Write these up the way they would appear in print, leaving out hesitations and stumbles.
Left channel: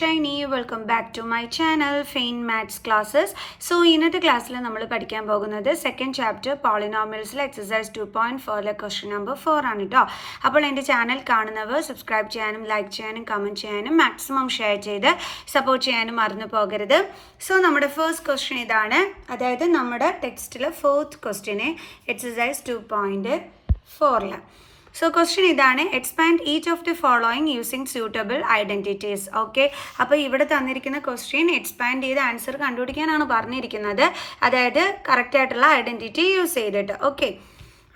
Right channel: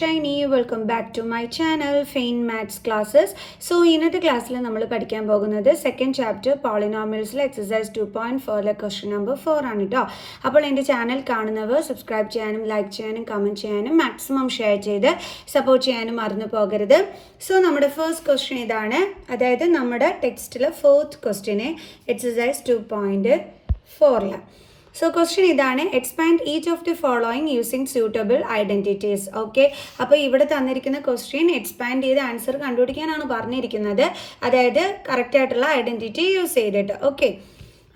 Shiny. Welcome back to my channel Fain Maths Classes. So ഇന്നത്തെ ക്ലാസ്സിൽ നമ്മൾ പഠിക്കാൻ പോകുന്നത് സെക്കൻഡ് ചാപ്റ്റർ പോളിനോമിയൽസിലെ എക്സസൈസ് 2.4 ക്വസ്റ്റ്യൻ നമ്പർ 4 ആണ് കേട്ടോ. അപ്പോൾ എൻ്റെ ചാനൽ കാണുന്നവർ സബ്സ്ക്രൈബ് ചെയ്യാനും ലൈക്ക് ചെയ്യാനും കമൻറ്റ് ചെയ്യാനും മാക്സിമം ഷെയർ ചെയ്ത് സപ്പോർട്ട് ചെയ്യാനും മറന്നു പോകരുത്. സോ നമ്മുടെ ഫസ്റ്റ് ക്വസ്റ്റ്യൻ ഇതാണ്, അതായത് നമ്മുടെ ടെക്സ്റ്റിലെ ഫോർത്ത് ക്വസ്റ്റ്യന് എക്സസൈസ് 2.4. So question ഇതാണ്, expand each of the following using suitable identities. Okay, അപ്പോൾ ഇവിടെ തന്നിരിക്കുന്ന ക്വസ്റ്റ്യൻ എക്സ്പാൻഡ് ചെയ്ത് ആൻസർ കണ്ടുപിടിക്കാനാണ് പറഞ്ഞിരിക്കുന്നത്, അതായത് കറക്റ്റ് ആയിട്ടുള്ള ഐഡൻറ്റിറ്റി യൂസ് ചെയ്തിട്ട്. ഓക്കെ,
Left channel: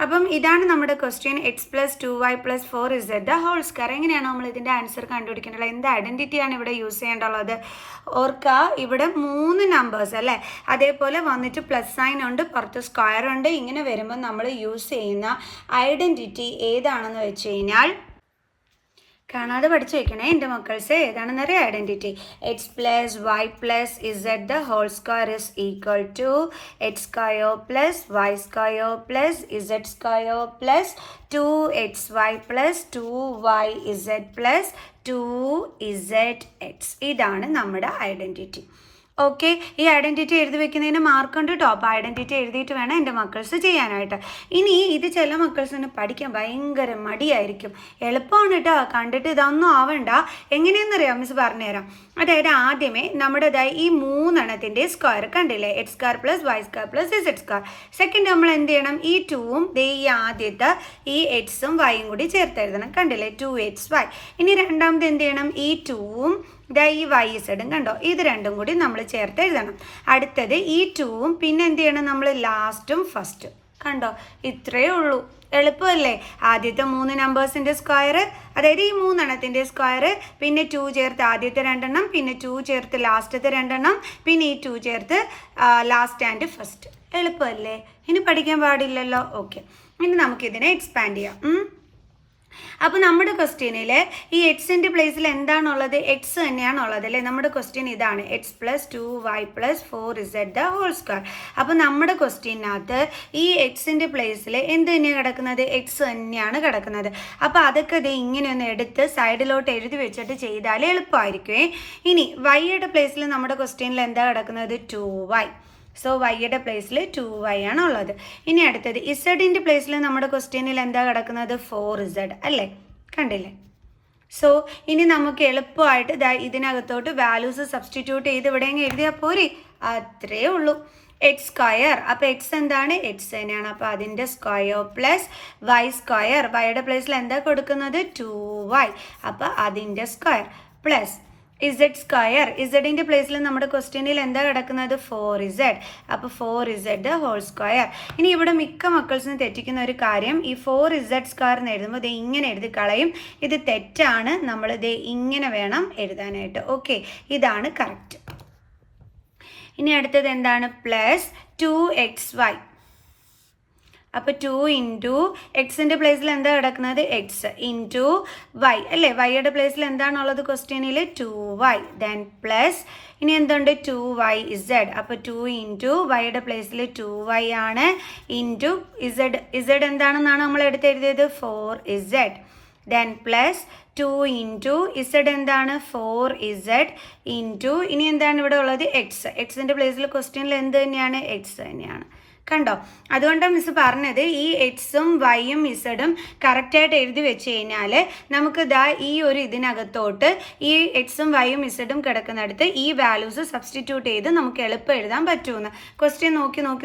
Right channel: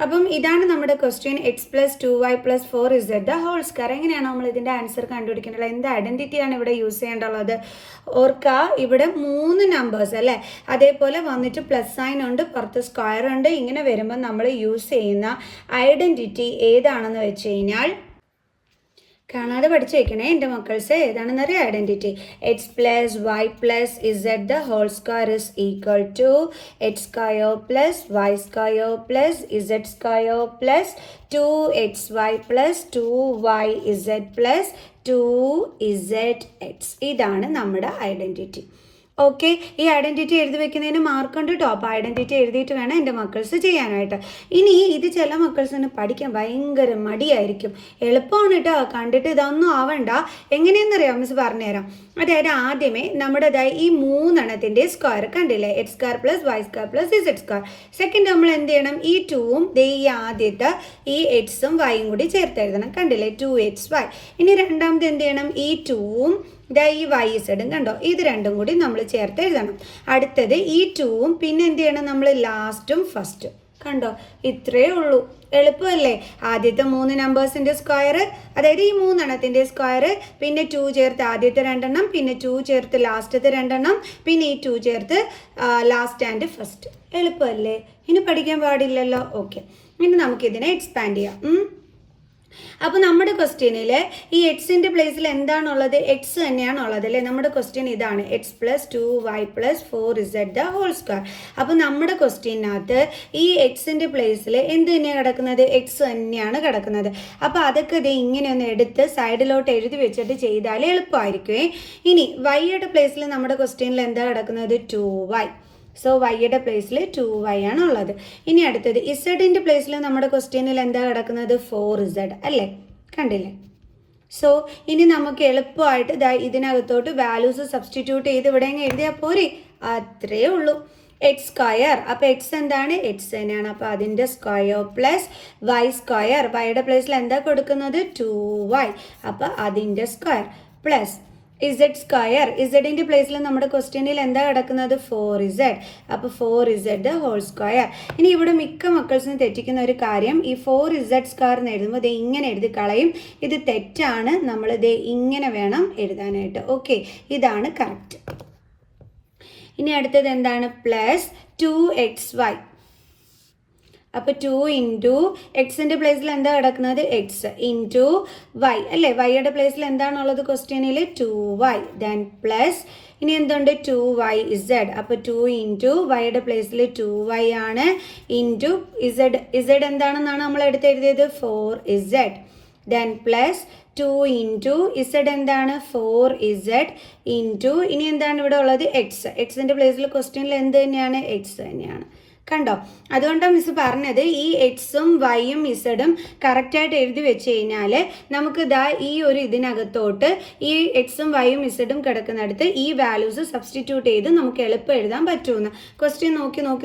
അപ്പം ഇതാണ് നമ്മുടെ question. X plus 2y plus 4z the whole square. എങ്ങനെയാണ് നമ്മൾ ഇതിൻ്റെ ആൻസർ കണ്ടുപിടിക്കേണ്ടത്? എന്ത് ഐഡൻറ്റിറ്റിയാണ് ഇവിടെ യൂസ് ചെയ്യേണ്ടുള്ളത്? ഓർക്കുക, ഇവിടെ 3 നമ്പേഴ്സ് അല്ലേ, അതേപോലെ വന്നിട്ട് പ്ലസ് സൈൻ ഉണ്ട്, പുറത്ത് സ്ക്വയർ ഉണ്ട്. ഇങ്ങനെ വരുമ്പോൾ നമ്മൾ യൂസ് ചെയ്യുന്ന ഐഡൻറ്റിറ്റി ഏതാണെന്ന് വെച്ച് കഴിഞ്ഞാൽ, കാണാതെ പഠിച്ചു വെക്കണേ എൻ്റെ മക്കൾസ്, ഏതാണെന്നറിയാം identity. X plus y plus z the whole square is equal to x square plus Y square plus Z square plus 2xy plus 2yz plus 2zx. ഇതാണ് നമ്മുടെ ഐഡൻറ്റിറ്റി. ഓക്കെ, ഈ ഐഡൻറ്റിറ്റി എഴുതി വെക്കുന്നതിന് മാർക്കുണ്ട് കേട്ടോ. അപ്പോൾ ഐഡൻറ്റിറ്റി എഴുതിയിട്ട് വേണം എൻ്റെ മക്കൾസ് ചെയ്യാനായിട്ട്. ഇനി ഇത് ചില മക്കൾസിന് പഠിക്കാൻ ഭയങ്കര മടിയായിരിക്കും. എളുപ്പമാണ് കേട്ടോ, കണ്ടിട്ട് ഇതൊന്നും ആവണ്ട. എങ്ങനെയെന്നറിയാം, മിസ് പറഞ്ഞുതരാം. അതായത് ആദ്യമേ നമ്മുടേതായ ഈ 3 എണ്ണത്തിൻ്റെ സ്ക്വയർ കണ്ടില്ലേ, X square plus Y square plus Z square. Second നമ്മൾ എന്ത് ചെയ്യണം, ഈ 2ഉം ഈ ആദ്യത്തെ ഈ എക്സും വൈയും കൂടി ചേർത്ത് എഴുതണം. കണ്ടില്ലേ, 2xy. ഇനി രണ്ടാമത് എന്ത് ചെയ്യണം, ഈ 2ഉം ഈ വൈ ഇസഡും കണ്ടോ, ഇത് രണ്ടും കൂടി നമ്മൾ ചേർത്ത് എഴുതണം. അടുത്തത് ഈ 2ഉം പിന്നെ എന്ത് ചെയ്യണം, നമ്മൾ ലാസ്റ്റും ഫസ്റ്റും. കണ്ടോ, ഇത്രയേ ഉള്ളൂ. എളുപ്പമല്ലേ? ആദ്യത്തെ 3 നമ്പേഴ്സിൻ്റെ സ്ക്വയർ, അതായത് ഈ 3 എണ്ണത്തിൻ്റെ സ്ക്വയർ, പിന്നെ 2 ചേർത്ത് ആദ്യത്തെ 2 എണ്ണം, പിന്നെ 2 ചേർത്ത് ലാസ്റ്റത്തെ 2 എണ്ണം, പിന്നെ ഈ 2 ചേർത്ത് ലാസ്റ്റ് ആൻഡ് ഫസ്റ്റ്. എളുപ്പമല്ലേ? ഇനി പഠിക്കാൻ പാടില്ലല്ലോ. ഓക്കെ, ഇനി നമുക്കിതിനെ എക്സ്പാൻഡ് ചെയ്യാം. അപ്പോൾ നമ്മുടെ ക്വസ്റ്റ്യനിൽ ഈ എക്സിൻ്റെ പ്ലേസിൽ എന്താണുള്ളത്? എക്സ് തന്നെയാണുള്ളത് അല്ലേ. നമ്മുടെ ക്വസ്റ്റ്യൻ ഇതാണ്, X plus 2y plus 4z the whole square. അപ്പോൾ നമ്മുടെ ക്വസ്റ്റ്യനകത്ത് ഈ എക്സിൻ്റെ പ്ലേസിൽ എന്ത് തന്നെയാണ് കിടക്കുന്നത്? എക്സ് തന്നെയാണ് കിടക്കുന്നത്. അപ്പോൾ അതൊക്കെ ഇത് ഇങ്ങനെ ഒന്ന് എടുത്ത് സൈഡിലോട്ട് എഴുതി വെച്ചിട്ട് ചെയ്താൽ എളുപ്പമായിരിക്കുമേ. ഇനി വൈയുടെ പ്ലേസിൽ നമ്മുടെ ക്വസ്റ്റ്യനിൽ എന്താ കിടക്കുന്നത്? 2y. സോ വൈയുടെ പ്ലേസിൽ 2y ആണ് ഉള്ളത്. ഇനി അടുത്തത് ഇസഡിൻ്റെ പ്ലേസിൽ നമ്മുടെ ക്വസ്റ്റ്യനിൽ എന്താ കിടക്കുന്നത്? 4z അല്ലേ, കണ്ടില്ലേ. സോ ഇനി നമുക്ക് എളുപ്പമായിട്ട് ഇതിനകത്തോട്ട് വാല്യൂസ് സബ്സ്റ്റിറ്റ്യൂട്ട് ചെയ്ത് ഇവിടെ എഴുതിയാൽ പോരെ, അത്രേ ഉള്ളൂ. എക്സ് സ്ക്വയർ, അപ്പോൾ എക്സ് എന്താണ്? എക്സ് തന്നെയാണ്. അപ്പോൾ അതിൻ്റെ സ്ക്വയർ പ്ലസ് വൈ സ്ക്വയർ, വൈയുടെ പ്ലേസിൽ എന്താ കൊടുക്കുന്നത്? 2y. അപ്പോൾ അതിൻ്റെ സ്ക്വയർ പ്ലസ് ഇസഡ് സ്ക്വയർ, ഇസഡിൻ്റെ പ്ലേസിൽ നമ്മുടെ ക്വസ്റ്റ്യനിൽ എന്താ കിടക്കുന്നത്? 4z. അപ്പോൾ 4z ഹോൾ സ്ക്വയർ. ഇനി ഇവിടെ മിക്ക മക്കൾസിന് തെറ്റിക്കുന്ന ഒരു കാര്യം, ഈ 4z സ്ക്വയർ എന്ന് എഴുതുമ്പോൾ ഇത് ഇങ്ങനെ എഴുതി കളയും. ഇത് തെറ്റാണ്, നമ്മൾ ഇത് ഇങ്ങനെ വേണം എഴുതാനായിട്ട്. ഓക്കെ, ഇതാണ് കറക്റ്റ്. ഇനി അടുത്തത് എന്താണ്? Plus 2xy. അപ്പോൾ 2 ഇൻറ്റു എക്സിൻ്റെ പ്ലേസിൽ എന്താ കിടക്കുന്നത്? എക്സ് ഇൻറ്റു വൈ അല്ലേ. വൈയുടെ പ്ലേസിൽ എന്താണുള്ളത് ക്വസ്റ്റ്യനിൽ? 2y. ദെൻ പ്ലസ് ഇനി എന്തുണ്ട്? 2yz. അപ്പോൾ 2 ഇൻറ്റു വൈയുടെ പ്ലേസിൽ 2y ആണ്, ഇൻറ്റു ഇസഡ് എന്താണെന്നാണ് നമ്മൾ എടുത്ത് എഴുതിയത്? 4z. Then plus 2 into Z എന്താണ്? 4z ഇൻറ്റു ഇനി എന്താണ് ഇവിടെ ഉള്ളത്? എക്സ്. എക്സിൻ്റെ പ്ലേസിൽ ക്വസ്റ്റ്യനിൽ എന്ത് തന്നെയാണ്? എക്സ് തന്നെയാണ്. കണ്ടോ, അതുകൊണ്ടാണ് മിസ് പറഞ്ഞത് ഈ എക്സും വൈയും ഇസഡും കറക്റ്റായിട്ട് എഴുതി വെച്ച് കഴിഞ്ഞാൽ നമുക്ക് ഈ ഒരു ഇതിനകത്തോട്ട് ഈ എക്സും വൈയും ഇസഡും കിടക്കുന്നിടത്ത് ഈ വാല്യൂസ് സബ്സ്റ്റിറ്റ്യൂട്ട് ചെയ്ത് നമുക്ക് എളുപ്പം എഴുതാൻ പറ്റുമെന്ന്. ക്വസ്റ്റ്യൻ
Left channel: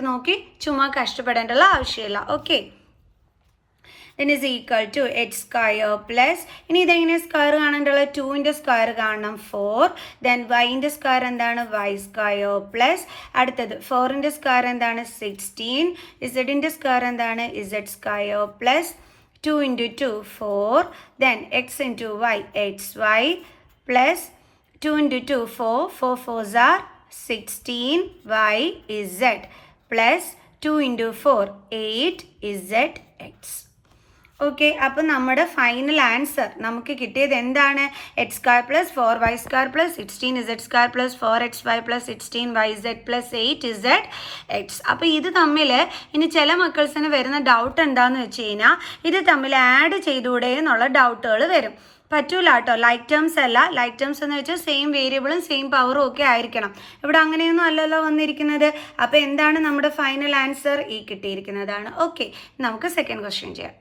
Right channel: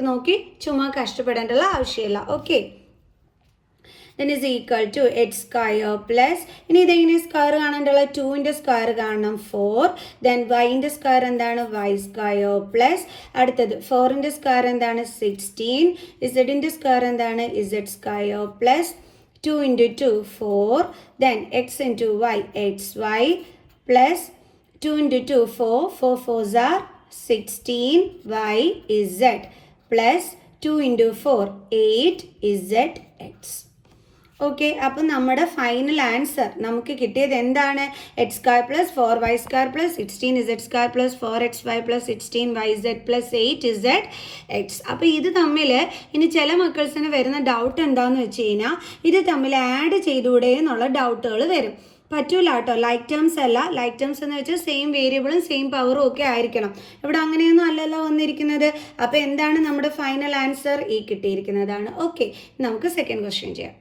നോക്കി ചുമ്മാ കഷ്ടപ്പെടേണ്ടുള്ള ആവശ്യമില്ല. Okay, then is equal to x square plus ഇനി ഇതെങ്ങനെ സ്ക്വയർ കാണാനുള്ള? 2ൻ്റെ സ്ക്വയർ കാണണം 4. ദെൻ വൈൻ്റെ സ്ക്വയർ എന്താണ്? y സ്ക്വയർ പ്ലസ് അടുത്തത് 4ൻ്റെ സ്ക്വയർ എന്താണ്? 16. ഇസഡിൻ്റെ സ്ക്വയർ എന്താണ്? z square plus 2 into 2 4. Then x into y xy plus 2 into 2 4. 4 4s are 16 y z plus 2 into 4 8 z x. Okay, അപ്പോൾ നമ്മുടെ ഫൈനൽ ആൻസർ നമുക്ക് കിട്ടിയത് എന്താണ്? X square plus 4y square plus 16z square plus 4xy plus 16yz plus 8zx. അപ്പോൾ ഇത് തമ്മിൽ ഇനി ചില മക്കൾസിന് വരുന്ന ഡൗട്ട് എന്താണെന്ന് വെച്ച് കഴിഞ്ഞാൽ ഇത് തമ്മിൽ ആഡ് ചെയ്തുകൂടെ എന്നുള്ള ഡൗട്ടുകൾ വരും. പറ്റൂല കേട്ടോ. ലൈക്ക് ടേംസ് അല്ല. ലൈക്ക് ടേംസ് എന്ന് വെച്ചാൽ സെയിം വേരിയബിളും സെയിം പവറും ഒക്കെ ആയിരിക്കണം. ഇവിടെ അങ്ങനെയൊന്നും അല്ലല്ലോ വന്നിരിക്കുന്നത്. അപ്പോൾ എന്താണ് നമ്മുടെ ഫൈനൽ ആൻസർ? ഈ കിട്ടിയിരിക്കുന്നതാണ്. ഓക്കെ, നമുക്ക് സെക്കൻഡ് ക്വസ്റ്റ്യൻ ചെയ്യാം.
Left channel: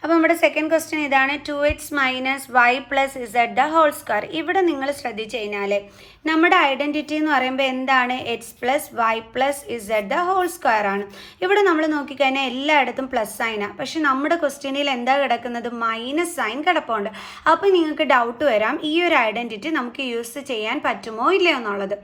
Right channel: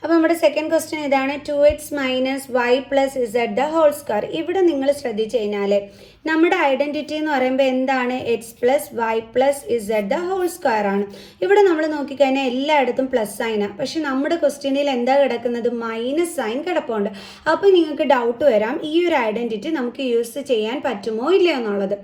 അപ്പോൾ നമ്മുടെ സെക്കൻഡ് ക്വസ്റ്റ്യൻ ഇതാണ്, 2x minus y plus z the whole square. ഇവിടെ നിങ്ങൾ ശ്രദ്ധിച്ചു കഴിഞ്ഞാൽ നമ്മുടെ ഐഡൻറ്റിറ്റി എന്ന് പറയുമ്പോൾ എന്താണ്? X plus y plus z the whole square ആണ്. ഇവിടെ നമ്മൾ നോക്കിക്കഴിഞ്ഞാൽ എല്ലായിടത്തും പ്ലസ് സൈനാണ്. പക്ഷെ നമ്മുടെ ക്വസ്റ്റ്യനിൽ എന്താ കിടക്കുന്നത്? മൈനസ് സൈൻ കിടപ്പുണ്ട്. അപ്പോൾ നിങ്ങൾക്ക് ഡൗട്ട് വരാം, ഈ ഒരു ഐഡൻറ്റിറ്റി നമുക്ക് യൂസ് ചെയ്യാൻ പറ്റുമോ ഇല്ലയോ എന്നുള്ളത്.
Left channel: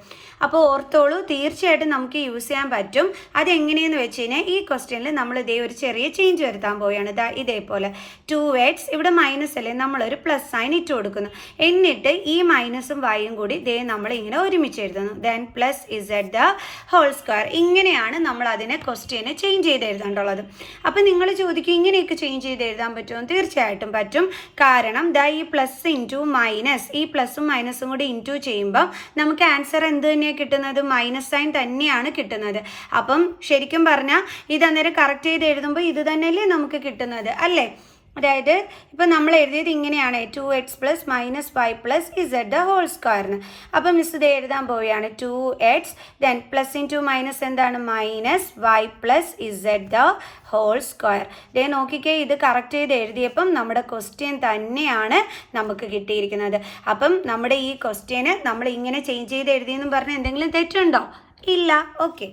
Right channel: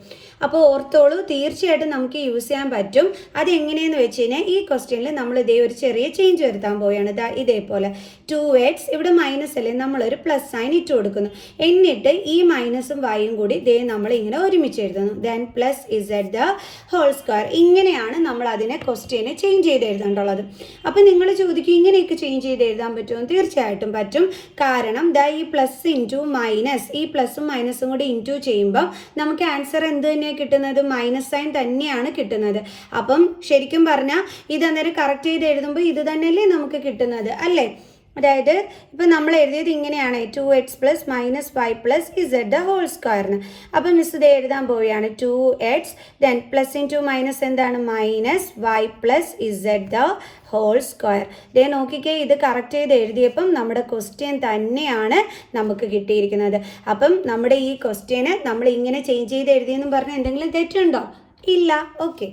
അപ്പോൾ ഓർത്തോളൂ, തീർച്ചയായിട്ടും നമുക്ക് യൂസ് ചെയ്യാൻ പറ്റും. അതെങ്ങനെയെന്ന് വെച്ച് കഴിഞ്ഞാൽ ഈ ക്വസ്റ്റ്യനിൽ നമ്മൾ ഇതേ ഒരു ചെറിയ ചേഞ്ച് വരുത്താൻ പോവുകയാണ്. ഇതേപോലെ 2x ഇവിടെ മൈനസ് അല്ലേ, നമ്മളൊരു പ്ലസ് സൈൻ ഇട്ട് കൊടുക്കുന്നു. എന്നിട്ട് ഈ മൈനസും വൈയും കൂടി ഇതേ നമ്മൾ ഇങ്ങനെ ഒരുമിച്ച് എഴുതുന്നു. Then plus z the whole square. ഇങ്ങനെയാണ് നമ്മൾ അതിനെ ക്വസ്റ്റ്യനെ ചേഞ്ച് ചെയ്ത് എഴുതേണ്ടുള്ളത്. അപ്പം നിങ്ങൾ ചോദിക്കും, ഇങ്ങനെയൊക്കെ ചേഞ്ച് ചെയ്ത് എഴുതാൻ പറ്റുമോ? തീർച്ചയായിട്ടും പറ്റും. കാരണം ഈ പ്ലസ് ഇൻറ്റു മൈനസ്, ഈ പ്ലസും മൈനസും കൂടി ഇൻറ്റു ചെയ്യുമ്പം നമുക്ക് ആൻസർ എന്ത് തന്നെയാണ് കിട്ടുന്നത്? മൈനസ് സൈൻ തന്നെയാണ് കിട്ടുന്നത്. അപ്പം ശരിക്കും പറഞ്ഞാൽ ഇത് അന്നേരം കറക്റ്റ് ചെയ്ത് എഴുതുമ്പോൾ ഇത് തന്നെയല്ലേ നമുക്ക് കിട്ടുന്നത്, അല്ലേ? അതായത് ഇപ്പം നമ്മൾ എഴുതിയത് ഇങ്ങനെയാണ്, 2x plus minus y plus z the whole സ്ക്വയറിന്. അപ്പം മിസ് ഇത് എഴുതാൻ പോവുകയാണ്, 2x then plus into minus എന്താണ്? Minus y plus z the whole square. ഇതേ നോക്കിക്കേ, ഇത് കറക്റ്റ് ചെയ്ത് എഴുതിയപ്പം നമ്മുടെ ക്വസ്റ്റ്യൻ തന്നെയാണ് നമുക്ക് കിട്ടിയിരിക്കുന്നത്. അപ്പം നമ്മുടെ ഈ ക്വസ്റ്റ്യന് നമ്മൾ ഇങ്ങനെ ചേഞ്ച് ചെയ്ത് എഴുതിയെന്നും പറഞ്ഞാൽ എന്തെങ്കിലും തെറ്റുണ്ടോ? ഇല്ല. ഓക്കെ,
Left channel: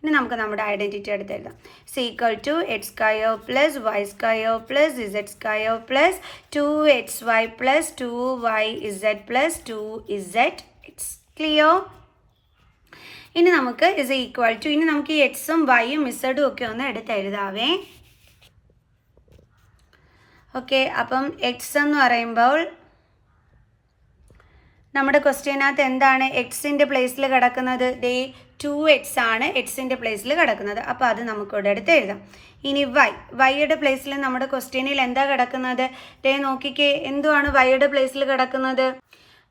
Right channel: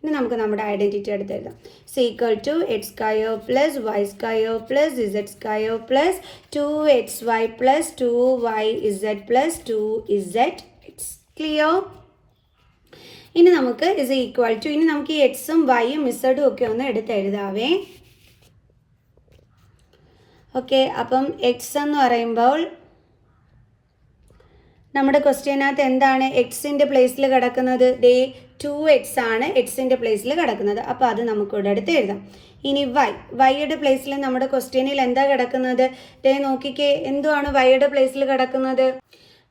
ഇനി നമുക്ക് നമ്മുടെ ഐഡൻറ്റിറ്റി എടുത്ത് എഴുതാം. Equal to x square plus Y square plus Z square plus 2xy plus 2yz plus 2zx. Clear? ഇനി നമുക്ക് ഇസ് ഈക്വൽ ടു, ഇനി നമുക്ക് ഈ എക്സും വൈയും ഇസഡും ഒക്കെ ഒന്ന് എടുത്ത് എഴുതാവേ. ഓക്കെ, അപ്പം എക്സ് എന്ന് പറയുമ്പോൾ നമ്മുടെ ക്വസ്റ്റ്യനകത്ത് എന്താണ് എക്സിൻ്റെ പ്ലേസിൽ കിടക്കുന്നത്? 2x ആണ് എക്സിൻ്റെ പ്ലേസിൽ കിടക്കുന്നത്. അപ്പോൾ അത് നമുക്കിവിടെ എടുത്ത് എഴുതാം. ഇനി വൈയുടെ പ്ലേസിൽ നമ്മുടെ ക്വസ്റ്റ്യനിൽ എന്താ കിടക്കുന്നത്? നോക്കിക്കേ, എന്തുവാണ് വൈയുടെ പ്ലേസിൽ കിടക്കുന്നത്?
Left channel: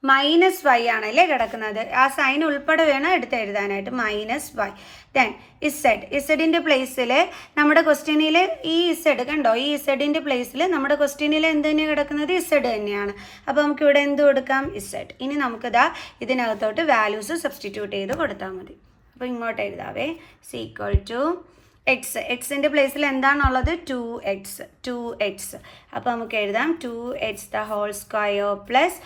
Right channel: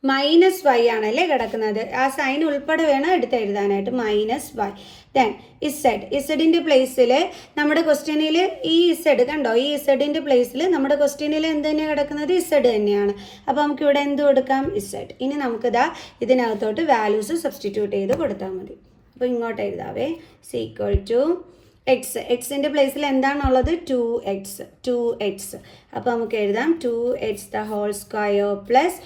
മൈനസ് വൈ ആണല്ലേ കിടക്കുന്നത്. ആ സൈൻ ഉൾപ്പെടെ വേണം എടുത്ത് എഴുതാനായിട്ട്. Minus Y. ദെൻ ഇസഡിൻ്റെ പ്ലേസിൽ നമ്മുടെ ക്വസ്റ്റ്യനിൽ ഈ ഇസഡ് കണ്ടോ, ഈ ഇസഡിൻ്റെ പ്ലേസിൽ നമ്മുടെ ക്വസ്റ്റ്യനിൽ എന്ത് തന്നെയാണ് കിടക്കുന്നത്? ഇസഡ് തന്നെയാണ്. അപ്പോൾ നമുക്ക് ഇവിടെ എന്ത് കൊടുക്കാം? ഇസഡ്. ഇനി നമുക്കിതാ ഇതിനകത്തോട്ട് വാല്യൂസ് സബ്സ്റ്റിറ്റ്യൂട്ട് ചെയ്ത് കൊടുത്താൽ മതി. അപ്പോൾ ഇങ്ങോട്ട് എഴുതാവേ. ഈക്വൽ ടു എക്സിൻ്റെ പ്ലേസിൽ എന്താണുള്ളത്? 2x. അപ്പോൾ നമുക്ക് എഴുതാം 2x the whole square plus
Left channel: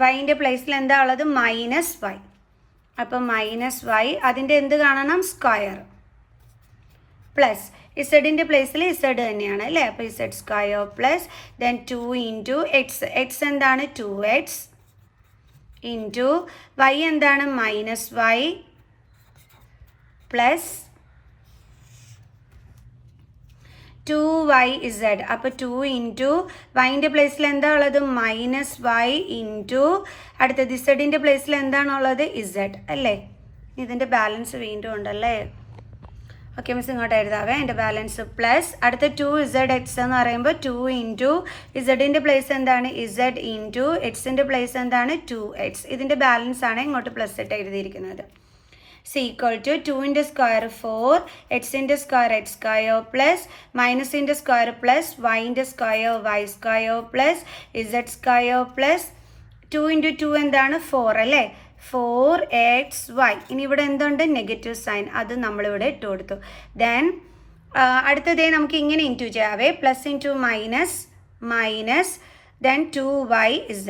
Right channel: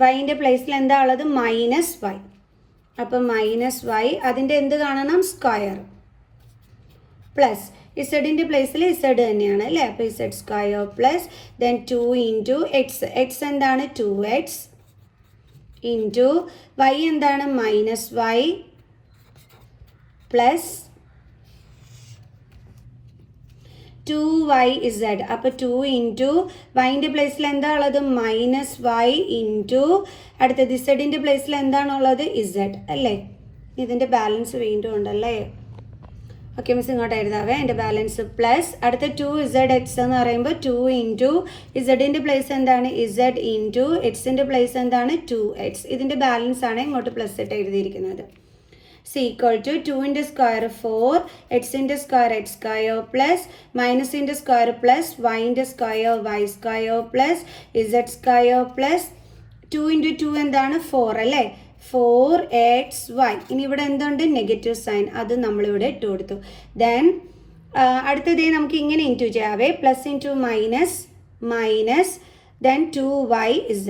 വൈൻ്റെ പ്ലേസിൽ എന്താ ഉള്ളത്? Minus y. അപ്പം മൈനസ് വൈ, അതിൻ്റെ എന്ത് കാണണം? സ്ക്വയർ. പ്ലസ് ഇസഡിൻ്റെ പ്ലേസിൽ ഇസഡ് തന്നെയാണ് അല്ലേ. അപ്പോൾ z square plus then 2 into x എന്താണ്? 2x ഇൻറ്റു വൈ എന്താണ്? Minus y plus 2yz. അപ്പോൾ 2 ഇൻറ്റു വൈൻ്റെ പ്ലേസിൽ എന്താ ഉള്ളത്? മൈനസ് വൈ ഇൻറ്റു അടുത്തത് ഇസഡിൻ്റെ പ്ലേസിൽ എന്താണുള്ളത്? ഇസഡ് അല്ലേ. ഇതിൻ്റെ ബാലൻസ് വീണ്ടും ഉണ്ടല്ലേ. ഓക്കെ മിസ് ഇങ്ങോട്ട് എഴുതാവേ. എൻ്റെ ബാലൻസ് പ്ലസ് അടുത്ത 2zx എന്ന് പറയുമ്പോൾ 2 ഇൻറ്റു ഇസഡിൻ്റെ പ്ലേസ് എന്താണ്? ഇസഡ് ഇൻറ്റു എക്സിൻ്റെ പ്ലേസ് എന്താണ്? 2x. ഇതിൻ്റെ ബാലൻസ് ആണ് ഇങ്ങോട്ട് പ്ലസ് ഇട്ട് എഴുതിയിരിക്കുന്നത്. ഈക്വൽ ടു 2ൻ്റെ സ്ക്വയർ 4, എക്സിൻ്റെ സ്ക്വയർ എക്സ് സ്ക്വയർ പ്ലസ് മൈനസിൻ്റെ സ്ക്വയർ പ്ലസ് വൈൻ്റെ square y square plus Z square plus 2 into 2 എന്താണ്? 4 അല്ലേ. 4xy. ഇനി ഇവിടെ എന്തുണ്ട്? Negative sign. അത് നമ്മളിവിടെ ഇട്ട് കൊടുത്തു. ദെൻ അടുത്തതേ നമുക്ക് ഇങ്ങനെ ഇൻറ്റു ചെയ്യാവേ. Plus into minus then 2yz.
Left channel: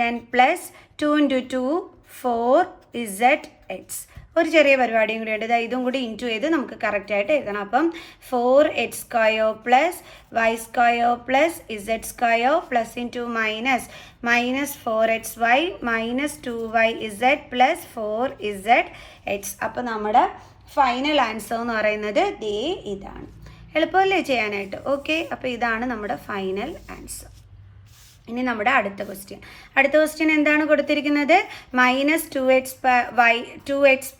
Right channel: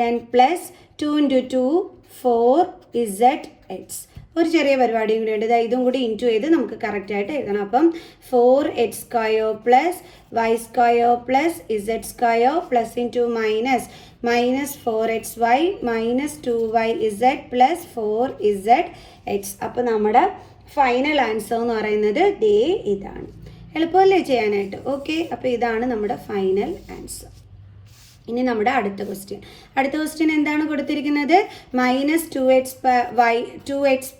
Then plus 2 into 2 4zx. ഒരു ചെറിയ പരിപാടിയും കൂടി ഉണ്ട്. ഇതും കൂടി ഇൻറ്റു ചെയ്ത് നമുക്ക് കറക്റ്റായിട്ട് എഴുതണം. അപ്പം 4x square plus Y square plus Z square plus into minus 4xy minus 2yz plus 4zx. അപ്പോൾ നമ്മുടെ ഫൈനൽ ആൻസർ എന്ന് പറയുന്നത് ഇതാണ്. എളുപ്പമല്ലേ ചെയ്യാനായിട്ട്? ഓക്കെ, അപ്പോൾ ഇതാണ് നമ്മുടെ ഫൈനൽ ആൻസർ. ഇനി നമ്മുടെ അടുത്ത ക്വസ്റ്റ്യൻ എന്താണ് കൊടുത്തിരിക്കുന്നത്? -2x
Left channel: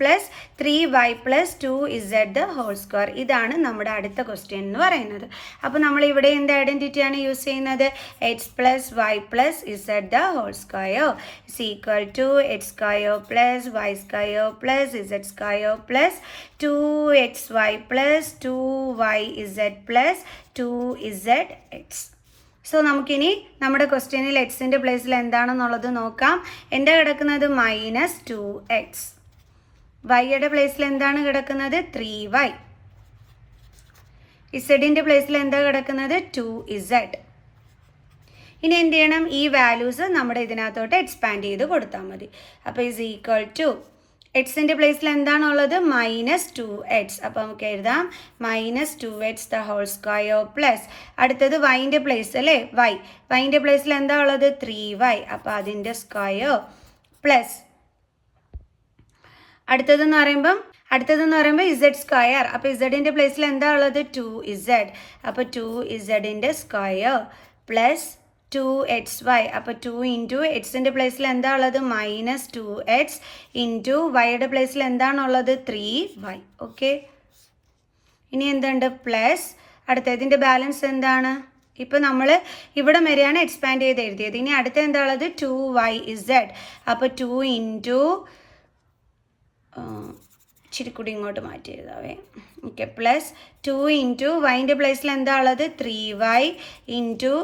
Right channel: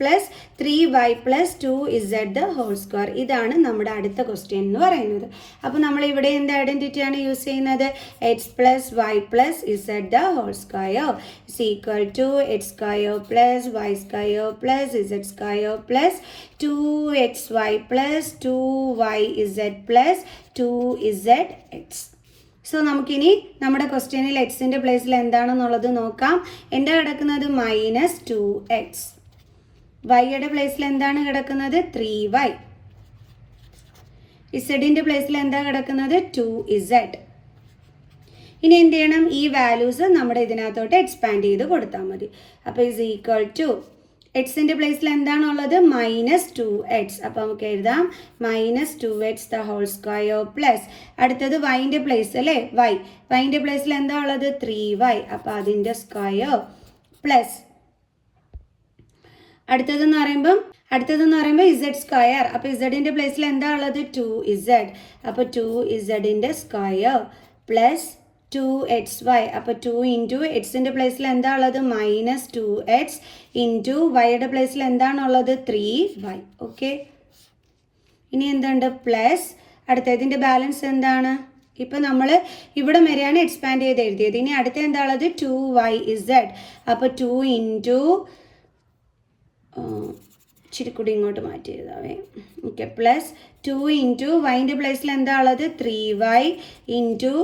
plus 3y plus 2z² ഇതാണ് നമ്മുടെ അടുത്ത ക്വസ്റ്റ്യൻ എന്ന് പറയുന്നത്. അപ്പോൾ നമ്മൾ ഇവിടെ എന്ത് ഐഡൻറ്റിറ്റിയാണ് യൂസ് ചെയ്യുന്നത്? x plus y plus z² is equal to x² plus y² plus z² plus 2xy plus 2yz plus 2zx. So നമുക്കിനി നമ്മുടെ ക്വസ്റ്റ്യനിൽ എക്സിൻ്റെ പ്ലേസിൽ എന്താണെന്നുള്ളത് നോക്കാം. എന്താ കിടക്കുന്നത്? -2x. വൈയുടെ പ്ലേസിൽ എന്താണ് കിടക്കുന്നത്? 3y. ഇസഡിൻ്റെ പ്ലേസിൽ എന്താ കിടക്കുന്നത്? 2z. ഇനി എന്ത് ചെയ്യണം? ഈ വാല്യൂസ് നമ്മുടെ ഇതിനകത്തോട്ട് എക്സ്പാൻഡ് ചെയ്ത് കൊടുത്താൽ മതി. അപ്പോൾ ഇസ് ഈക്വൽ ടു എക്സിൻ്റെ പ്ലേസിൽ എന്താണുള്ളത്? -2x. അപ്പോൾ നമുക്ക് എഴുതാം -2x² പ്ലസ് അടുത്തത് വൈൻ്റെ പ്ലേസ് അല്ലേ? വൈൻ്റെ പ്ലേസിൽ എന്താ ഉള്ളത്? 3y. അപ്പോൾ അതിൻ്റെ സ്ക്വയർ പ്ലസ് അടുത്തതെന്ന് പറയുമ്പോൾ z². അപ്പോൾ ഇസഡിൻ്റെ പ്ലേസിൽ എന്താ ഉള്ളത്? 2z. അപ്പോൾ 2zൻ്റെ സ്ക്വയർ പ്ലസ് 2xy. അപ്പോൾ 2 ഇൻറ്റു എക്സിൻ്റെ പ്ലേസിൽ എന്താ ഉള്ളത്? -2x ഇൻറ്റു വൈയുടെ പ്ലേസിൽ എന്താണുള്ളത്? 3y. ഓക്കെ, ഇനി എന്തുണ്ട്? പ്ലസ് അടുത്തതിൻ്റെ ബാലൻസ് എന്താണ്? ഇപ്പോൾ നമ്മൾ ഇവിടെ വരെയാണ് എക്സ്പാൻഡ് ചെയ്ത് എഴുതിയത്. ഇനി അടുത്ത എന്താ ഉള്ളത്? 2yz. അപ്പോൾ 2 ഇൻറ്റു ഇച്ചിരി കൂടി ഇങ്ങോട്ട് മാറ്റി എഴുതാവേ. ഓക്കെ, പ്ലസ് 2 ഇൻറ്റു വൈൻ്റെ പ്ലേസിൽ എന്താ ഉള്ളത്? 3y ഇൻറ്റു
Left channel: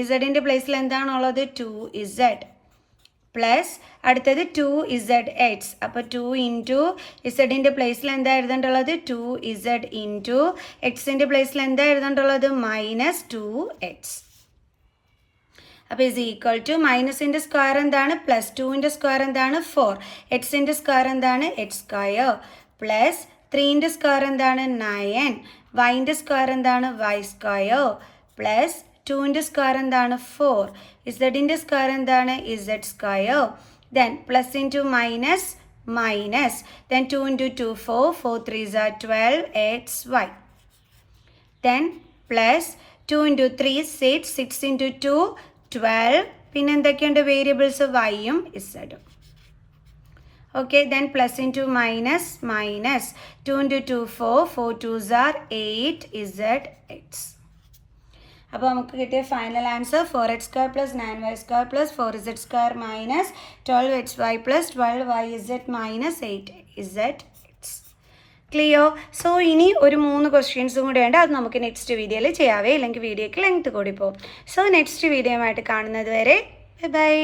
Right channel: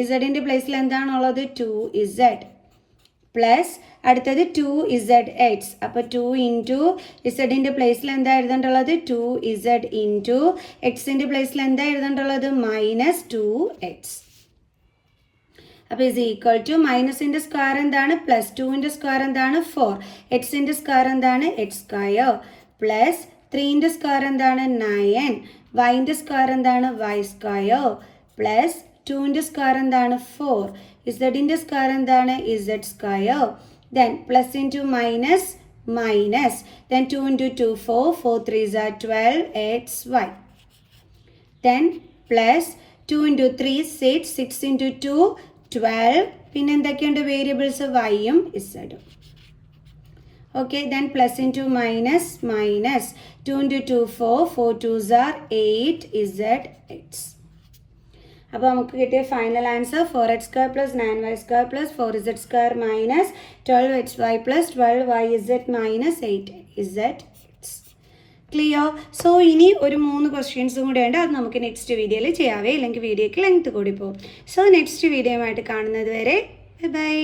ഇസഡിൻ്റെ പ്ലേസിൽ എന്താണുള്ളത്? 2z പ്ലസ് അടുത്തത് 2zx. അപ്പോൾ 2 ഇൻറ്റു ഇസഡിൻ്റെ പ്ലേസിൽ എന്താ എഴുതേണ്ടുള്ളത്? 2z ഇൻറ്റു എക്സിൻ്റെ പ്ലേസിൽ എന്താ എഴുതേണ്ടുള്ളത്? -2x. അപ്പോൾ ഇസ് ഈക്വൽ ടു മൈനസിൻ്റെ സ്ക്വയർ എന്താണ്? പ്ലസ് 2ൻ്റെ സ്ക്വയർ എന്താണ്? 4. എക്സിൻ്റെ സ്ക്വയർ എന്താണ്? x² പ്ലസ് 3ൻ്റെ സ്ക്വയർ എന്താണ്? 9. വൈൻ്റെ സ്ക്വയർ എന്താണ്? y² പ്ലസ് 2ൻ്റെ സ്ക്വയർ എന്താണ്? 4. ഇസഡിൻ്റെ സ്ക്വയർ എന്താണ്? z². Then plus into minus then 2 into 2 4 4 3s are 12 xy. Then plus 2 into 3 6 6 into 2 12. പിന്നെ എന്തൊക്കെയുണ്ട് വേരിയബിൾസ്? വൈയും ഇസഡും. Okay, then plus into minus 2 into 2 4 4 2s are 8zx. അപ്പോൾ നമുക്ക് കിട്ടിയ final answer 4x² plus 9y² plus 4z² minus 12xy plus 12yz minus 8zx. Clear? So ഇനി ഒരു 3 ക്വസ്റ്റ്യൻസും കൂടെ ഉണ്ട്. അത് നമുക്ക് നെക്സ്റ്റ് വീഡിയോയിൽ ചെയ്യാവേ, അല്ലെങ്കിൽ വീഡിയോയ്ക്ക് ലെങ്ത് കൂടി പോകും. സോ നെക്സ്റ്റ് വീഡിയോയുമായിട്ട് കാണുന്നത് വരെ ബൈ.